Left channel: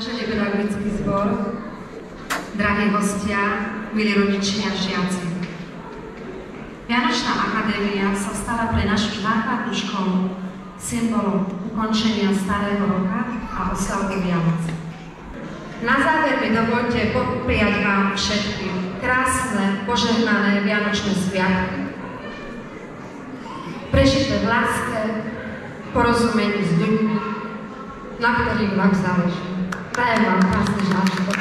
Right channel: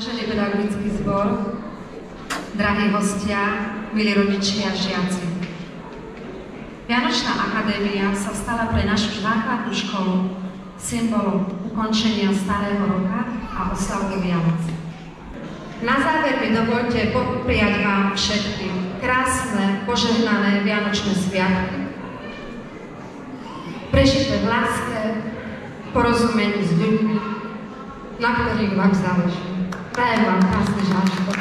Vážený pedagogický zbor, drahí hostia, milí rodičia a žiaci. Vianočná akadémia sa stala pre našu základnú školu symbolom ukončenia starého roka a oslavy Vianoc. Na záver mi dovoľte popriať vám všetkým krásne, požehnané vianočné sviatky, prežité v láske, porozumení s ľuďmi, na ktorých vám záleží. Prajem vám krásny zážitok.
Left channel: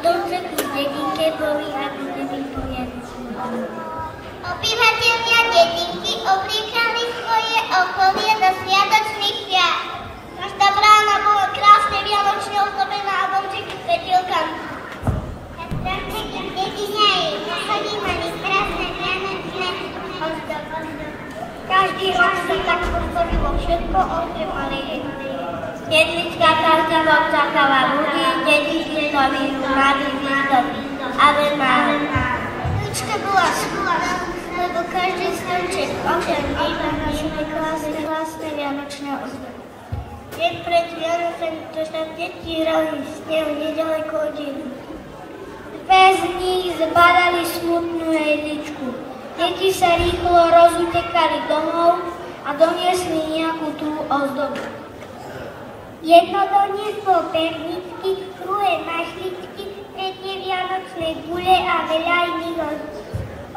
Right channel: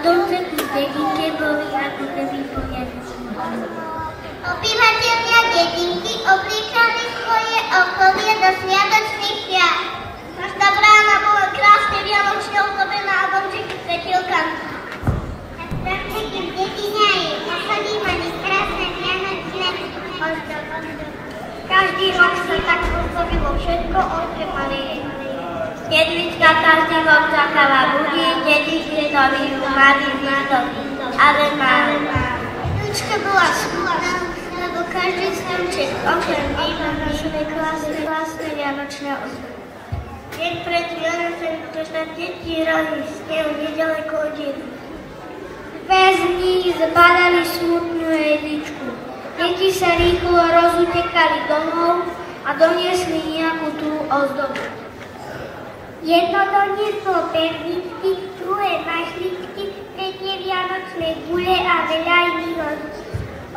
domček z dedinke boli ako keby poriadci. Obyvatelia dedinky obliekali svoje okolie do sviatočných piat. Každá brána bola krásne vianočne ozdobená a domčeky s svetilkami. Domčeky v dedine aj posledí mali krásne vianočné ozdoby. Každý rok si tak všetko ozdobali. Jedlička každého čakala ľudí, dedinke nový mladý mladý. Ľučka bola smutná, lebo každý stromček okrem nimi krásne vianočné ozdoby. Deň pred Vianocami, to sa deti hrali v snehu nedaleko od dedinky. Dve z nich zbadali smutnú jedličku. Deti sa rýchlo rozutekali domov a doniesli nejakú tú ozdobu. Jedno donieslo perničky, druhé mašličky, tretie vianočné gule a veľa iných ozdob.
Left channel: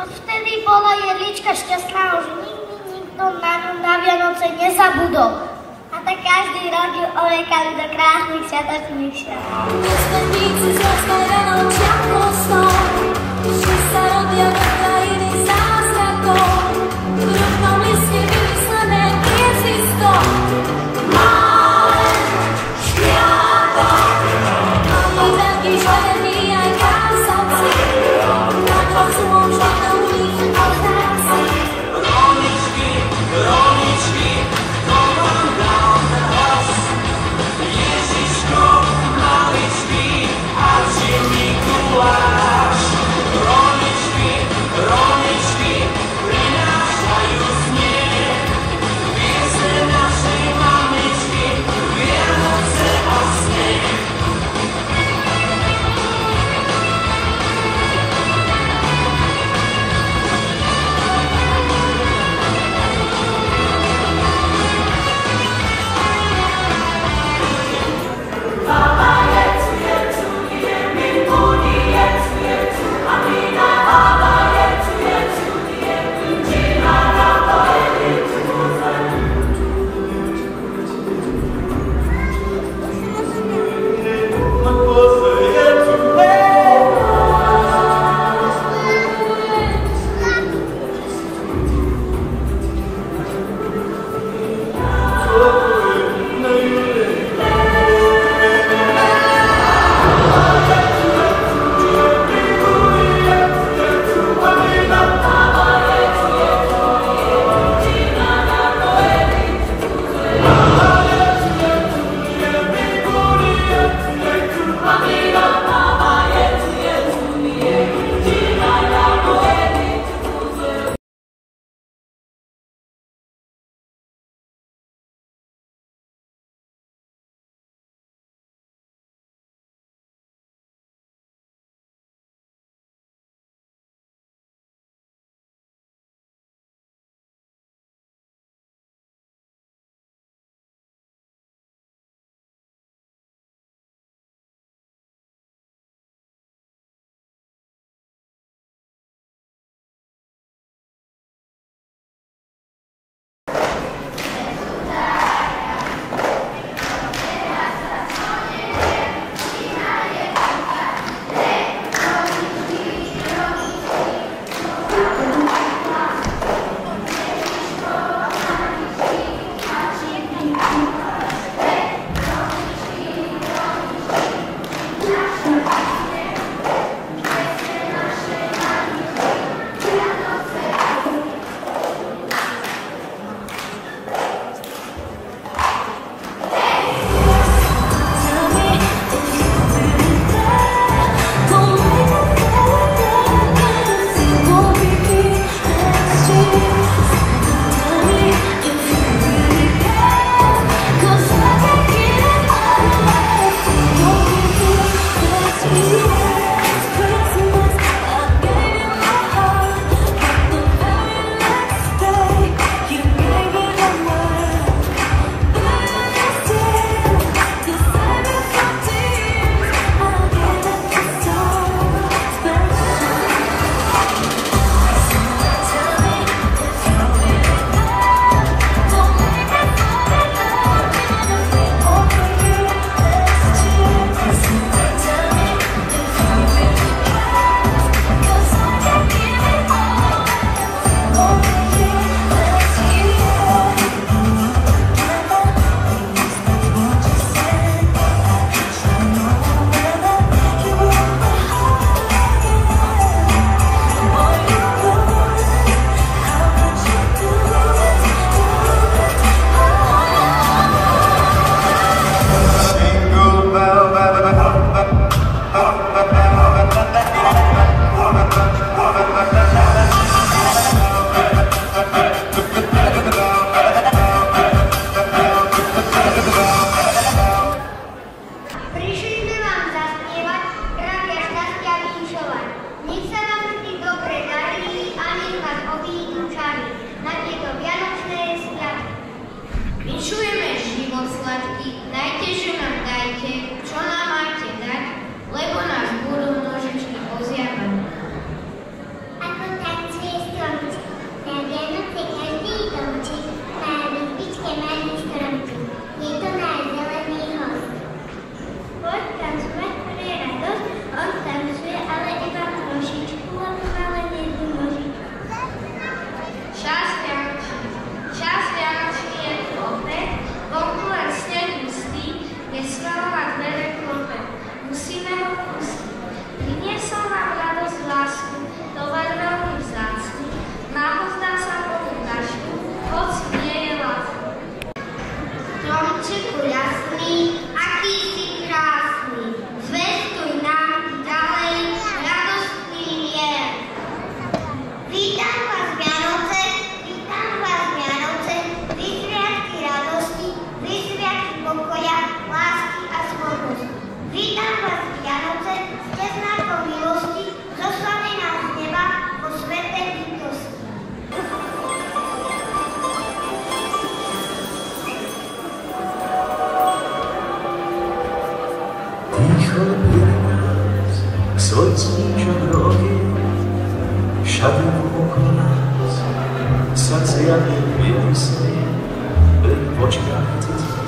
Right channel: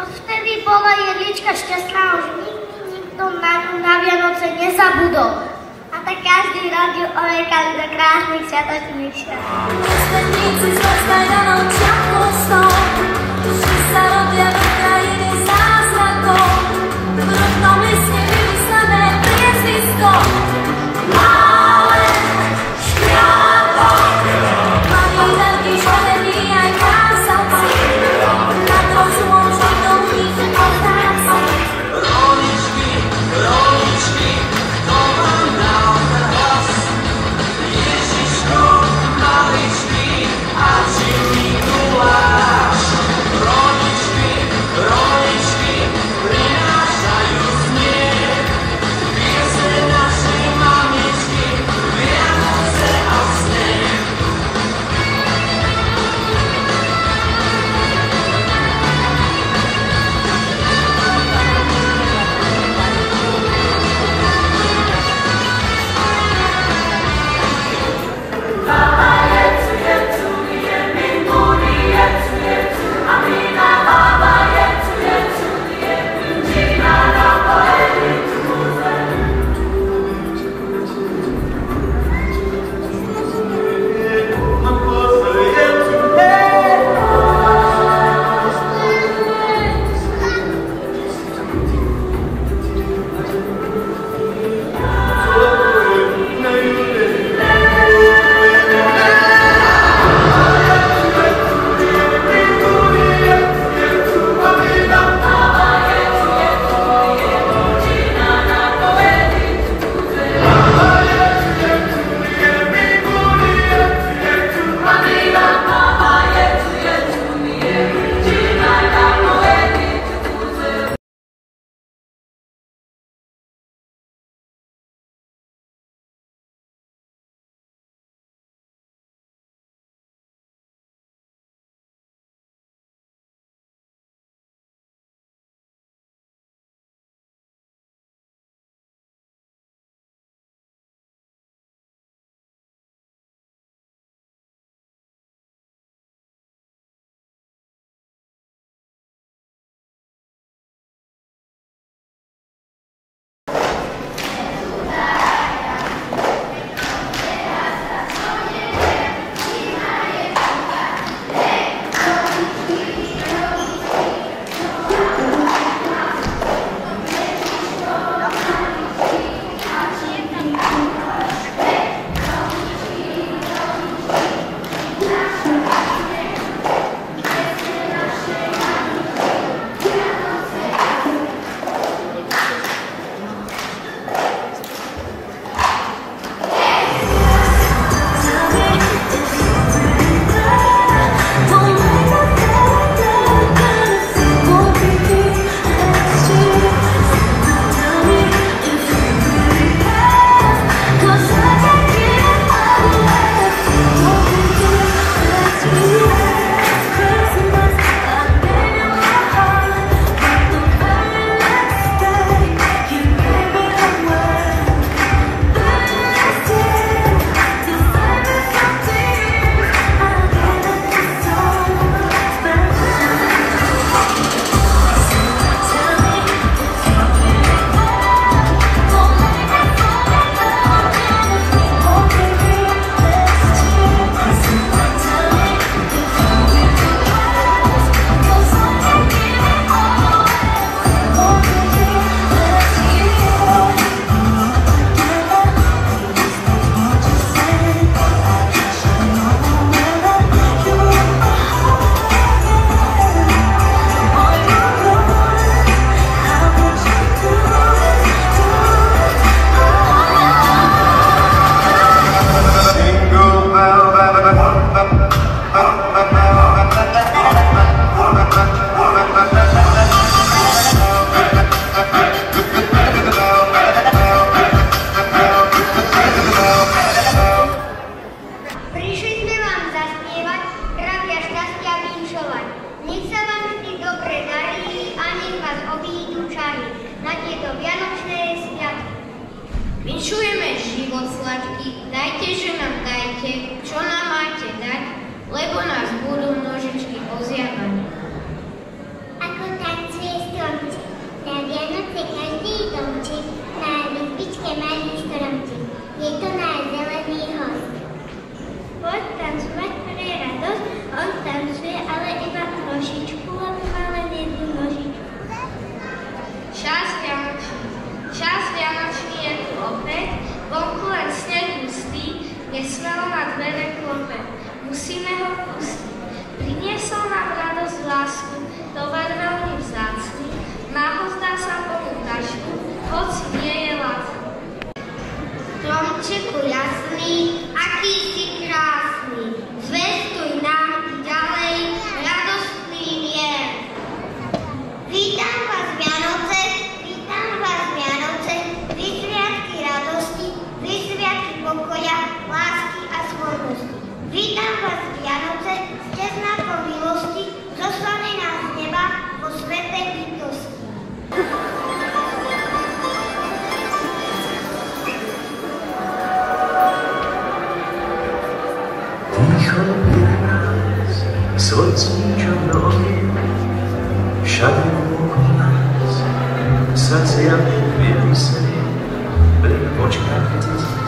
Odvtedy bola jedlička šťastná, že nikto na ňu na Vianoce nezabudol. A tak každý rodič olekali do krásnych sviatočných Ježiško, maličký, a si Mikuláš, roničky, lásku, tovar veľmi vzácny, málo zdá sa ponúkačku, hoci nie je lacný. Stromčeku jasný, aký si krásny, zvestuj nám ďalej radostný mier. Vítam vás Vianoce, vy sviatky radosti, vy sviatky pokoja, lásky a slobody. Vítam vás Vianoce, ste znakom milosti, zoslali nás z neba po svätej bytosti. Ticho je nás, slocníčo rohy, všade okolo nás, srdcia nevysí, pri očkách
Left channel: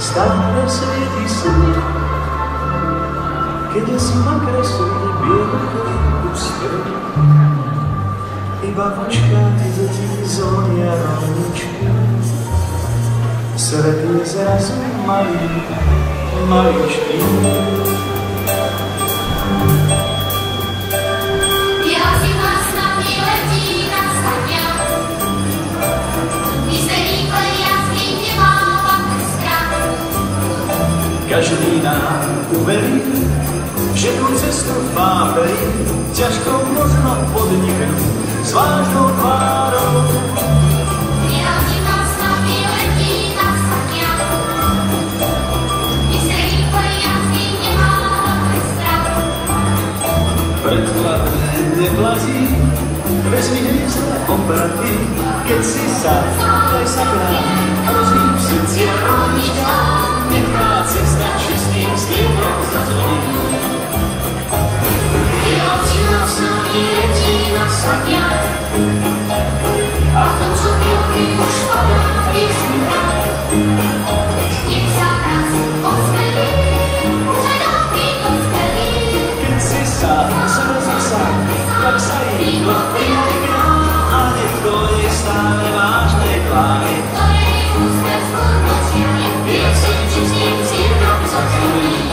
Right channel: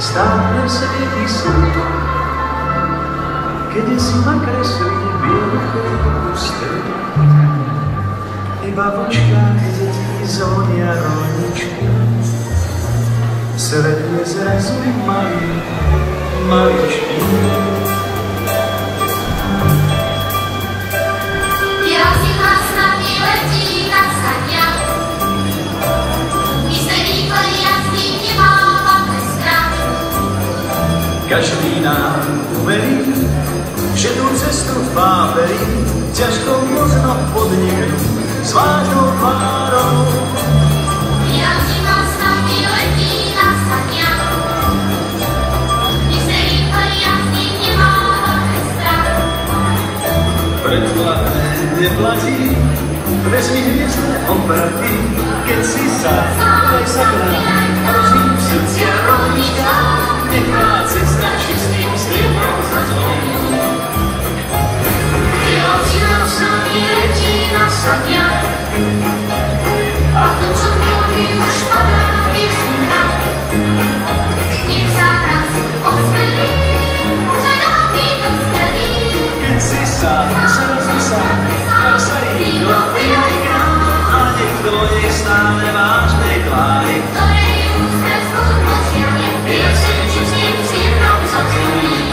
stále svieti slnko. Keď si ma kreslí bielou pustou, iba v očkách zvonia rohničky, svet je zrazu malý, maličký. Každý nám uverí, že tú cestu váberí, ťažko možno podniknú s vážnou tvárou. Výrazí nás na letí na sania, my se rýchlo jasný nemáme strach. Predkladné neplatí, vezmi hviezd obrty, keď si sa presakrá, prosím srdcia rovnička, nechá cesta čistým sliepom za zvojú. Výrazí nás na letí na sania, a to, co ľubí, už padá vychýna. Nech sa nás osmelí, že nám prídu zdelí. Keď si sám, slzy sám, tak sa iba vyliká, a niekto nech stále máš tej tvári. Ktorej úsmev skôr posiahne, Ja sem čistým cieľom zacílim.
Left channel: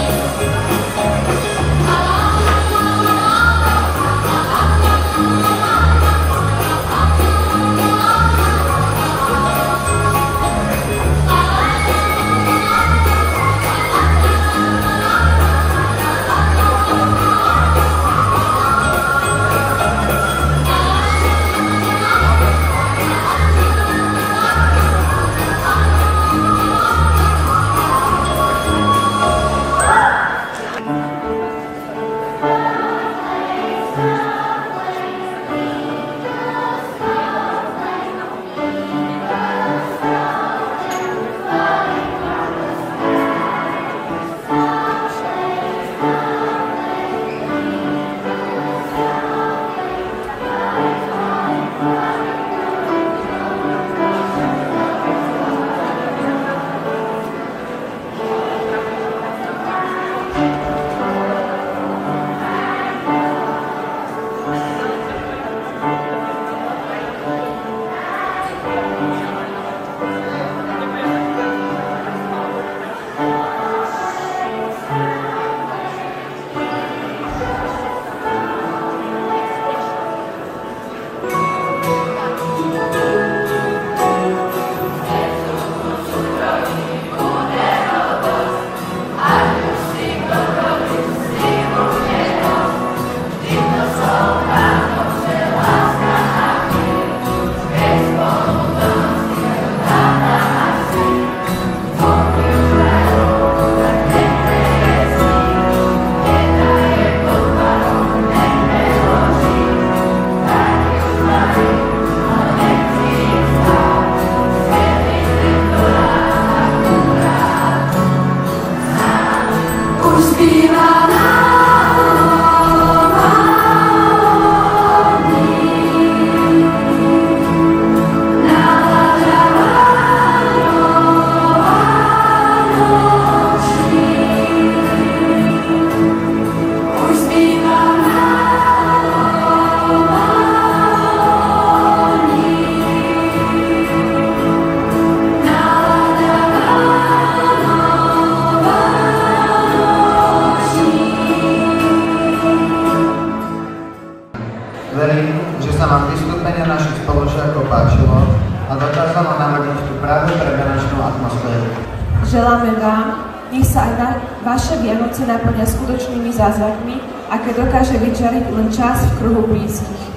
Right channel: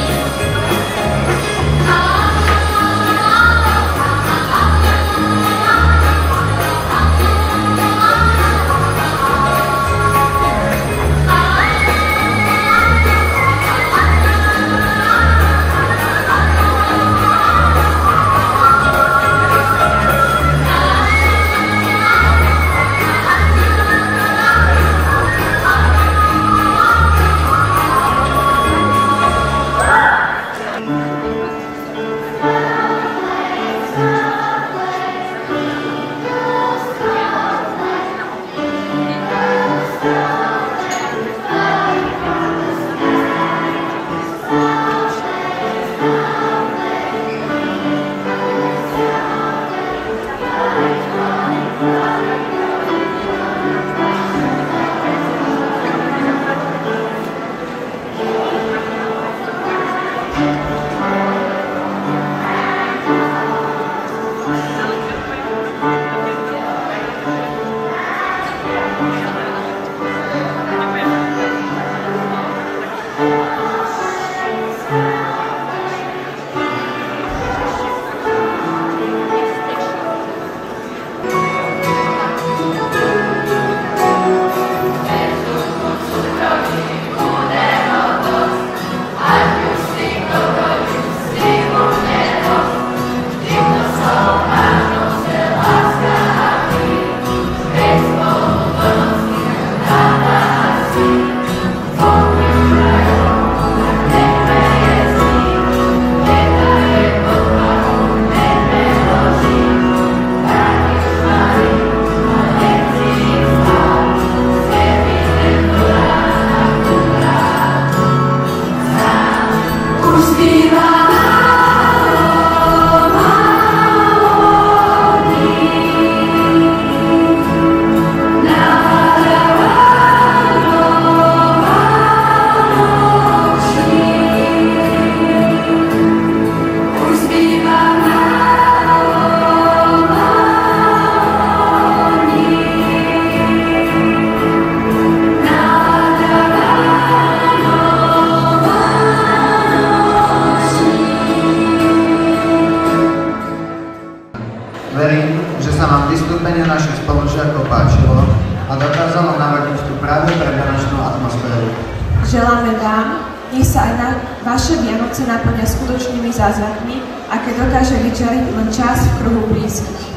sa aj na vaše Vianoce naplňa skutočnými zázrakmi, aké dokáže vyčariť len čas v kruhu blízkych.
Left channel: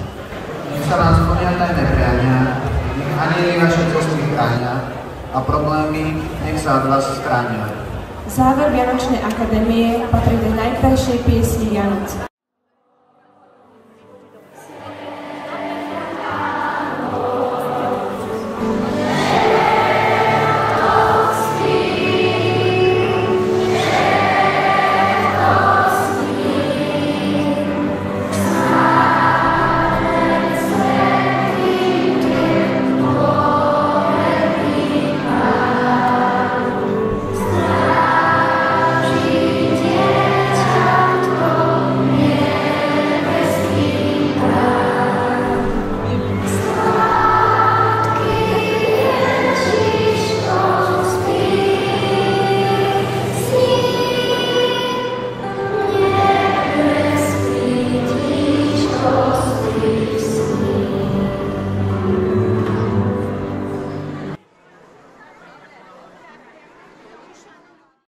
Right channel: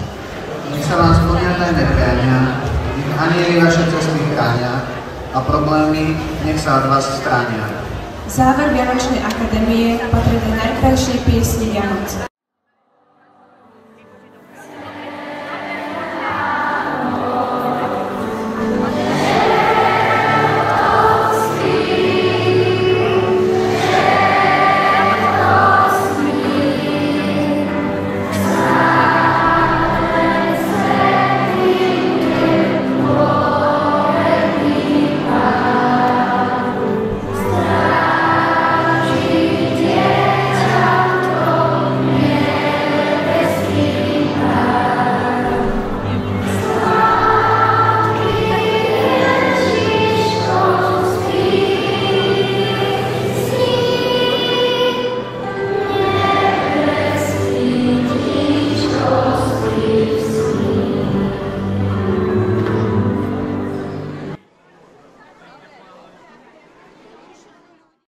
Nech sa vás pomínané neprémia, nech anjeli vaše cesty chránia a problémy nech sa od vás stránia. Záver Vianočnej akadémie patrí do najkrajšej piesni Vianoc.